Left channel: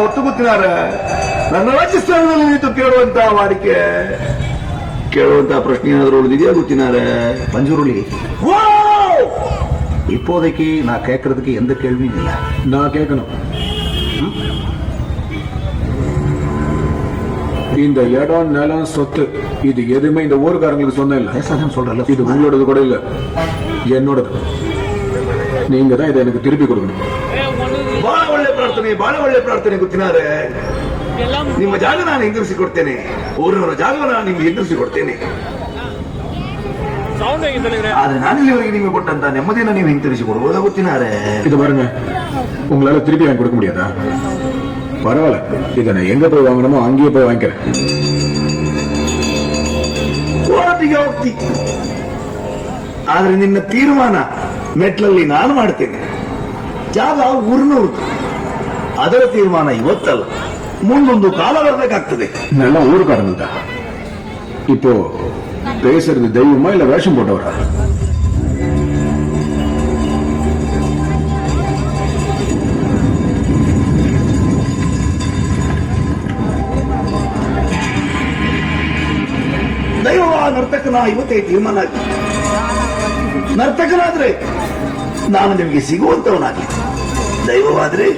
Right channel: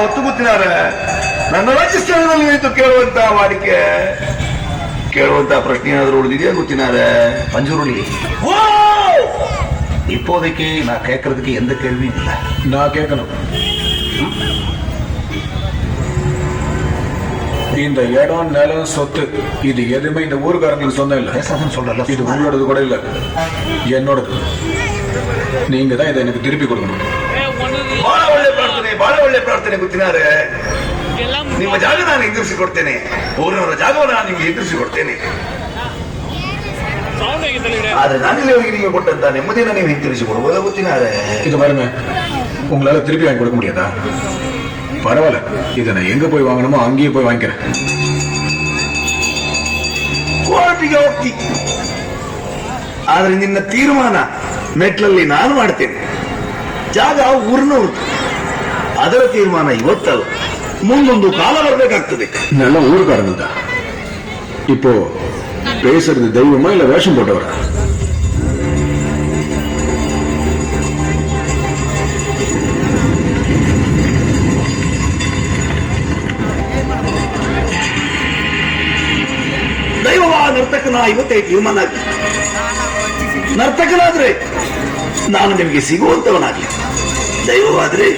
ಹೊತ್ತು ಗೊತ್ತಿದ್ದಾರೆ. ನನ್ನ ರಾಜ್ಯಸ್ಥಾನದಲ್ಲಿ ನಿಂತು ಕೇಳುವಂತ ಪ್ರಶ್ನೆ ಏನಾದರೂ ಉಳಿದಿದೆಯಾ ಗೊತ್ತಿನಾರೆ பஞ்சுருளி? இப்போதைக்கு நான் கேட்கறதுக்கு எந்த கேள்வியும் இல்லை. நான் கேட்கணும். இந்த இடம், நிலம், சொத்து இது எதுவுமே இந்த ஊருக்காரங்களுக்கு சொந்தம் இல்லை. பேசாதன்னு சொல்றல. இது உங்களோடது கூட இல்லை, என்னோடது. நீங்க தான் இதை எனக்கு திருப்பி கொடுக்கணும். ಬಹಳ ಒಳ್ಳೆ ಪ್ರಾರ್ಥನೆ ಗೊತ್ತಿನಾರೆ. ನಿಮ್ಮ ಜಾಗ ನಾನು ಹೆಂಗರಿಸಿಕೊಡ್ತೇನೆ, ಊರಿನವರ ಜಾಗವನ್ನು ನಾನು ನಿಮ್ಗೆ ಹೆಂಗರಿಸಿಕೊಡ್ತೇನೆ. ಆದ್ರೆ ನಾನು ಇಲ್ಲಿವರೆಗೆ ನೀವು ಕೊಟ್ಟಂತ ನೆಮ್ಮದಿಯನ್ನು ನೀವು ಹಿಂತಿರಿಸಿಕೊಡುವುದ ಗೊತ್ತಿನಾರೆ. இது பாருங்க, உங்களால திருப்பி வாங்கி கொடுக்க முடியாதா? பரவாயில்ல, இதை நான் எங்க போய் வாங்கணுமோ அங்கேயே போய் வாங்கிக்கிறேன். ಕೋರ್ಟಿಗೆ ಹೋಗ್ತಿ, ಆದ್ರೆ ನಿನ್ನ ತೀರ್ಮಾನ ಮೆಟ್ಲಲ್ಲಿ ನಾನು ಮಾಡ್ತೇನೆ. ಜಾಗ ಊರಿನವ್ರದ್ದು, ಅದರ ತೀರ್ಮಾನ ಇವತ್ತಲ್ಲ, ಮುಂದೊಂದು ಕಾಲ ಬರಬೇಕಾಗ್ತದೆ. நல்ல ஊருக்காரங்க தான். இப்போ பேசுறது தெய்வமா இல்ல வேஷம் போட்டவரா? ದೈವವ ನರ್ತಕನ ಇವತ್ತೇ ತೀರ್ಮಾನ ಆಗಿ, ನರ್ತಕನಾದ್ರೆ ನಾನು ನಿಮಗೆ ಸಿಗುವಂತವನಾಗಲಿ, ದೈವವಾದ್ರೆ